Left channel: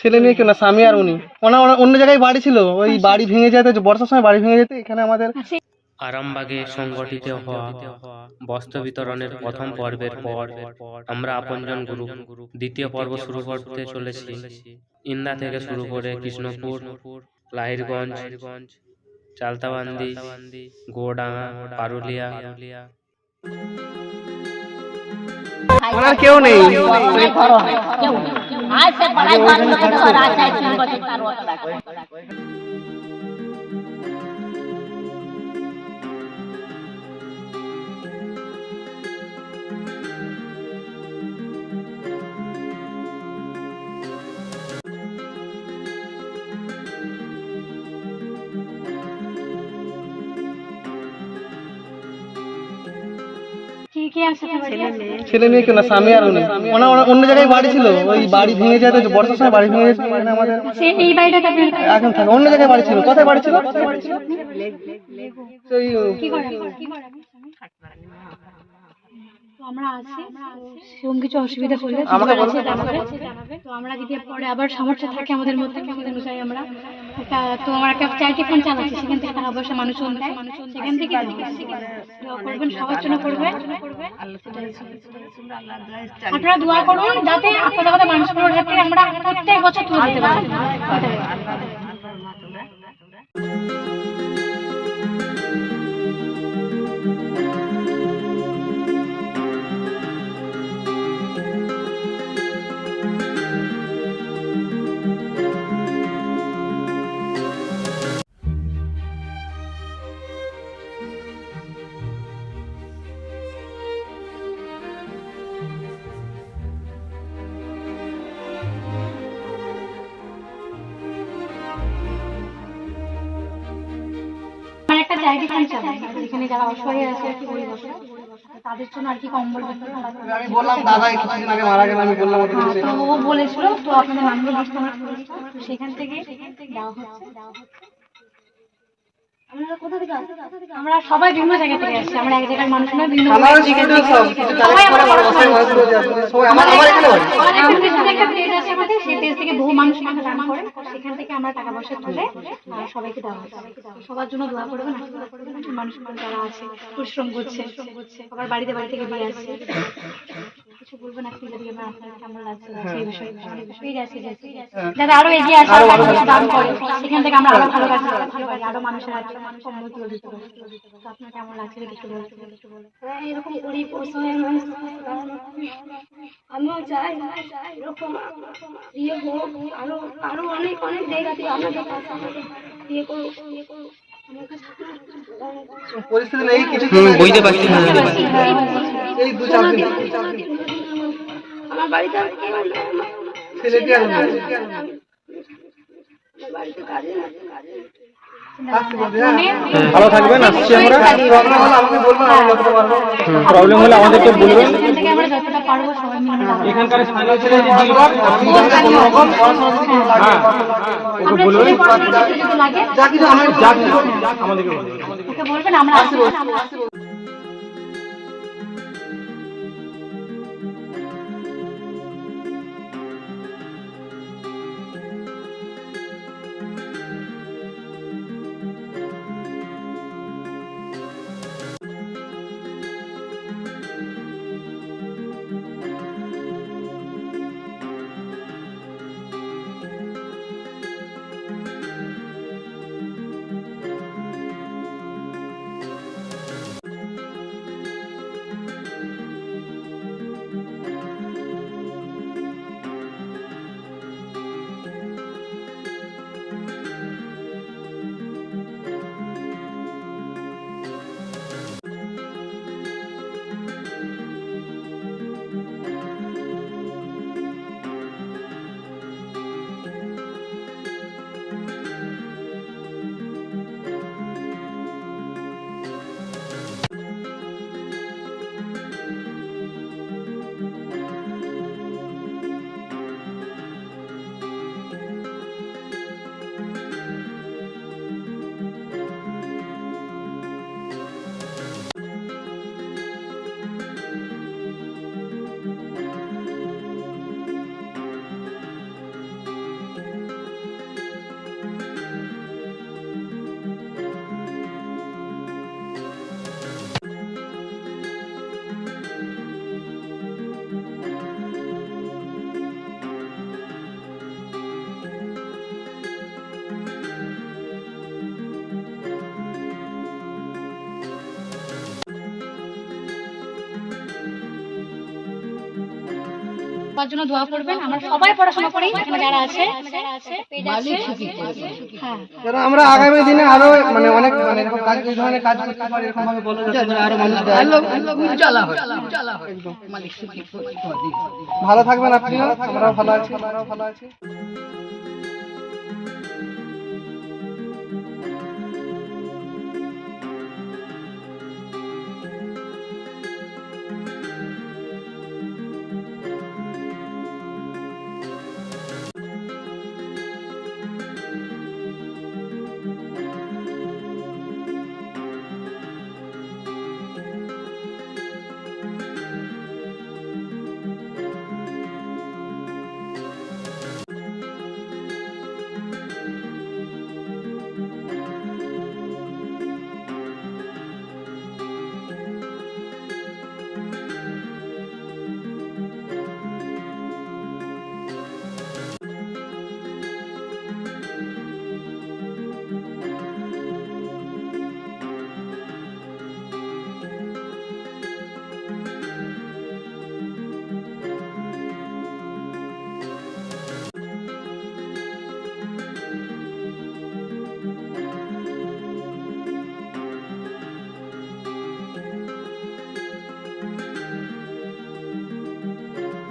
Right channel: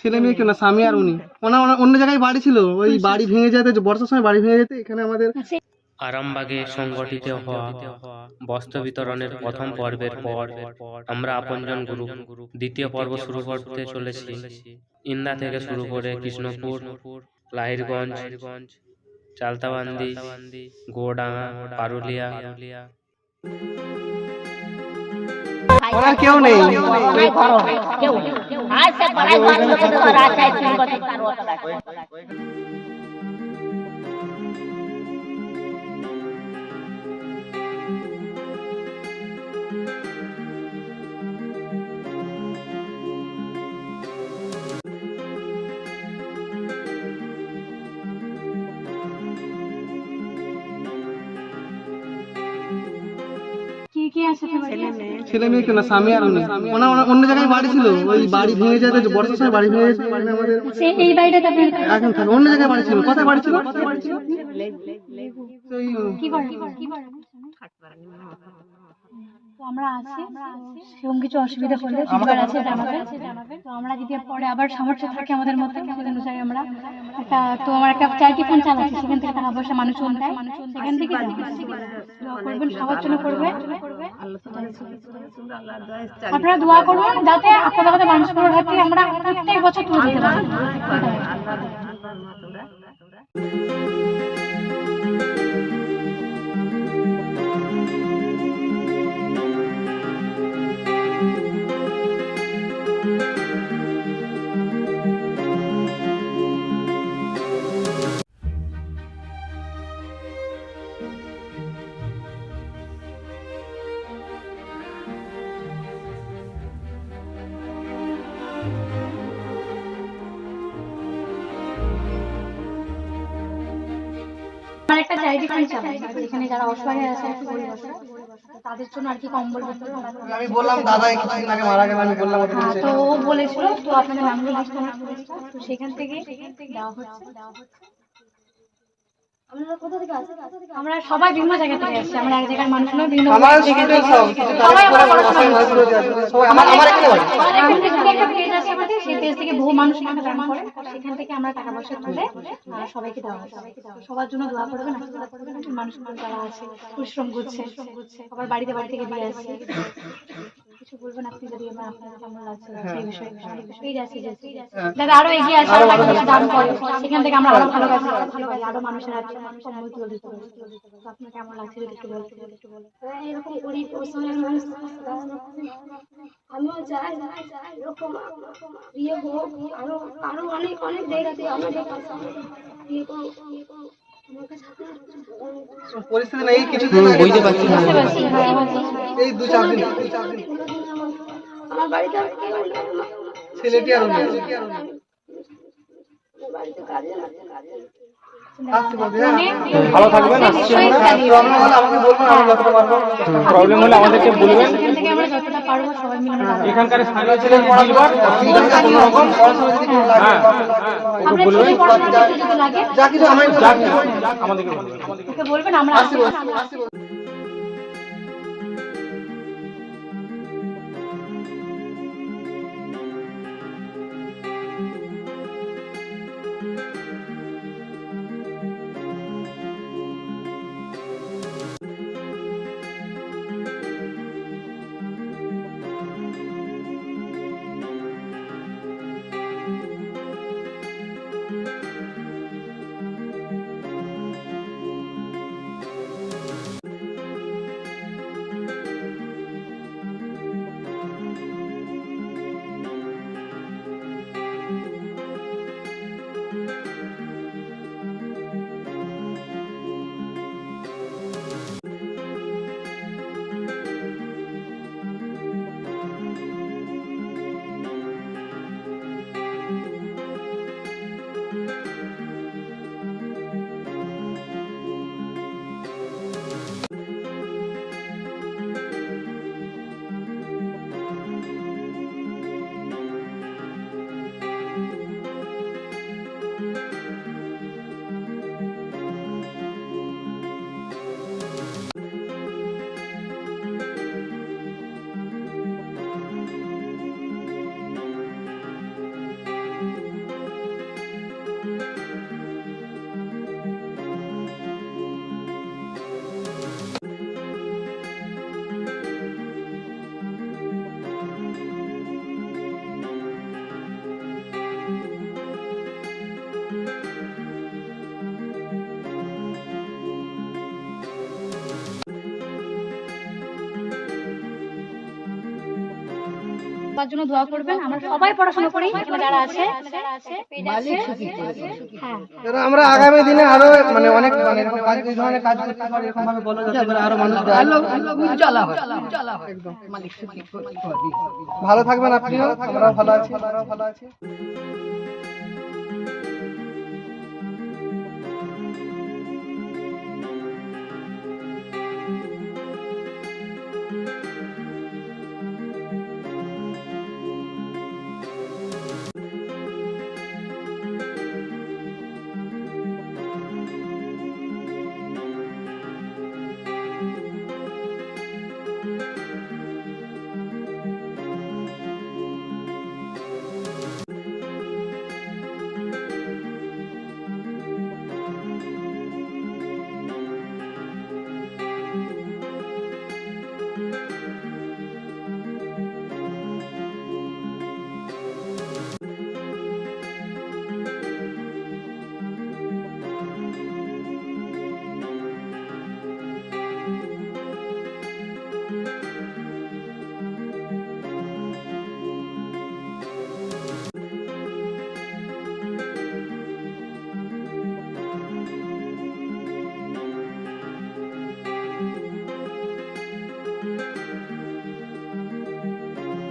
ছেলে মেয়ে কেউ না স্বামী আর উনি। ওনার ওনার অন্য জায়গায় বাড়ি ছিল ওই বাড়ি ভেঙে যেতে বর্ষার সময় বাড়ি ভেঙে যেতে এখানে আমাদের আচ্ছা আরামবাগে সংগঠিত হওয়া বস্ত্র বিতরণের প্রথম পর্বের পর আমরা আপনজন গ্রুপ দ্বিতীয় পর্ব শুরু করতে চলেছি। ইন্দা থেকে শুরু করে কৃষ্ণপুর লাহিরগঞ্জ চালতাবান্দি গোডাঙ্গা পারুলিয়া। ওনার কেউ নেই। आज से पढ़ाई बंद कर दो रात है तीन बजे चार ছেলে মেয়ে। কেউ না স্বামী আর উনি। অন্য জায়গায় বাড়ি ছিল ওই বাড়ি ভেঙে যেতে বর্ষার সময় বাড়ি ভেঙে আমাদের এই এখন থাকে অন্য জায়গায় বাড়ি ছিল। কোথায় বাড়ি ছিল? ওই কি করে কি করে? তো আমরা আছি সেরকম কিছু অসুবিধা হলে তো আমরা যদি পরে আবার সামর্থ্য থাকে আমাদের মধ্যে আমাদের অনুযায়ী আমরা একটা তো আমার একটা চ্যারিটি ফান্ড চালাচ্ছি সেখান থেকে টাকা পয়সা মানুষ দেয় সেখান থেকে করবেন সবার জন্য করবে। আপনারা দোয়া করুন যাতে আপনাদের কথা মানুষগুলোর হাত থেকে আমরা প্রত্যেক বছর তুলে দিতে পারি। আমার একটা জায়গা ফান্ড চালাই যেখানে যারা অসহায় আছে আর কি গরিব অসহায় তাদের জন্য আর কি কম্বল আমি বললাম দাদা কিছুদিন আগে মারা গেল আমি বললাম তো ও বলেছিল তো আপনাদের নামগুলো সেখান থেকে দেওয়া হচ্ছে। আমরা সবাই বিভিন্ন জায়গা থেকে এসেছি আমরা এক জায়গার মানুষ নয় বিভিন্ন আমার থেকে সব এসেছি। কিছু সবাই আমার আমার বাসায় হয়েছিল যে সবাই আমার আমার এখানে বাড়ি। আমাদের পেছনে একটা পেজ আছে আমাদের সেই পেজ থেকে বহু মানুষ এখানে দান করে। সেখান থেকে আমরা টাকা পয়সা তুলে সবাইকে দেওয়া হচ্ছে সবার জন্য দোয়া করবেন আশীর্বাদ করবেন মানুষ যারা আছে পরিশ্রম করছে সবার বাড়িতে বাড়ি থেকে দিয়ে আসছে। কিছু বলবেন আপনি যদি আমার আপনার কেমন লাগছে সেই বিষয়ে। পেজ আছে যে যাতে আরও এগিয়ে আসে দান করে সেখান থেকে আমরা আরও ভালো কাজ করতে পারি আরও মানুষের হাতে সম্মান তুলে দিতে পারি। তো আপনার কেমন লাগছে যদি একটু বলতে? একটু বলে এরকম গরিব অসহায় মানুষ আমিও চাই এরকম ইয়ে হোক আরও আরও অনেক অনেক জায়গাতে আমাদের কাছে ইয়ে করুক ইয়ে করুক। পরিস্থিতি নেই কিছু বুঝতে পারছি না এই দু চার দিন। আমার বাড়িতে আর কেউ নেই। ছেলেটি আর বাড়িতে কাজে হ্যাঁ। ভালো থাকবেন আসছি আমরা। প্রবলেম হলে বলবেন আমাদেরকে বলবেন। এখান থেকে আমরা যতটা পারব সবাই মিলে এখানকার স্থানীয় ছেলে দিলবার সবার জন্য দোয়া করবেন। আমরা সবাই পড়াশোনা করি এখানে যারা আছে। হ্যাঁ। আমরা আগামী দিনে আরও মানে অনেক মানে এরকম কাজ এই ধরনের কাজ করতে পারি এরকম ভাবে বলো যাতে করে আরও মানুষ দেয়। একদম। ভালো থাকবেন আপনিও। আমরাও ভালো আছি আমরাও ভালো আছি।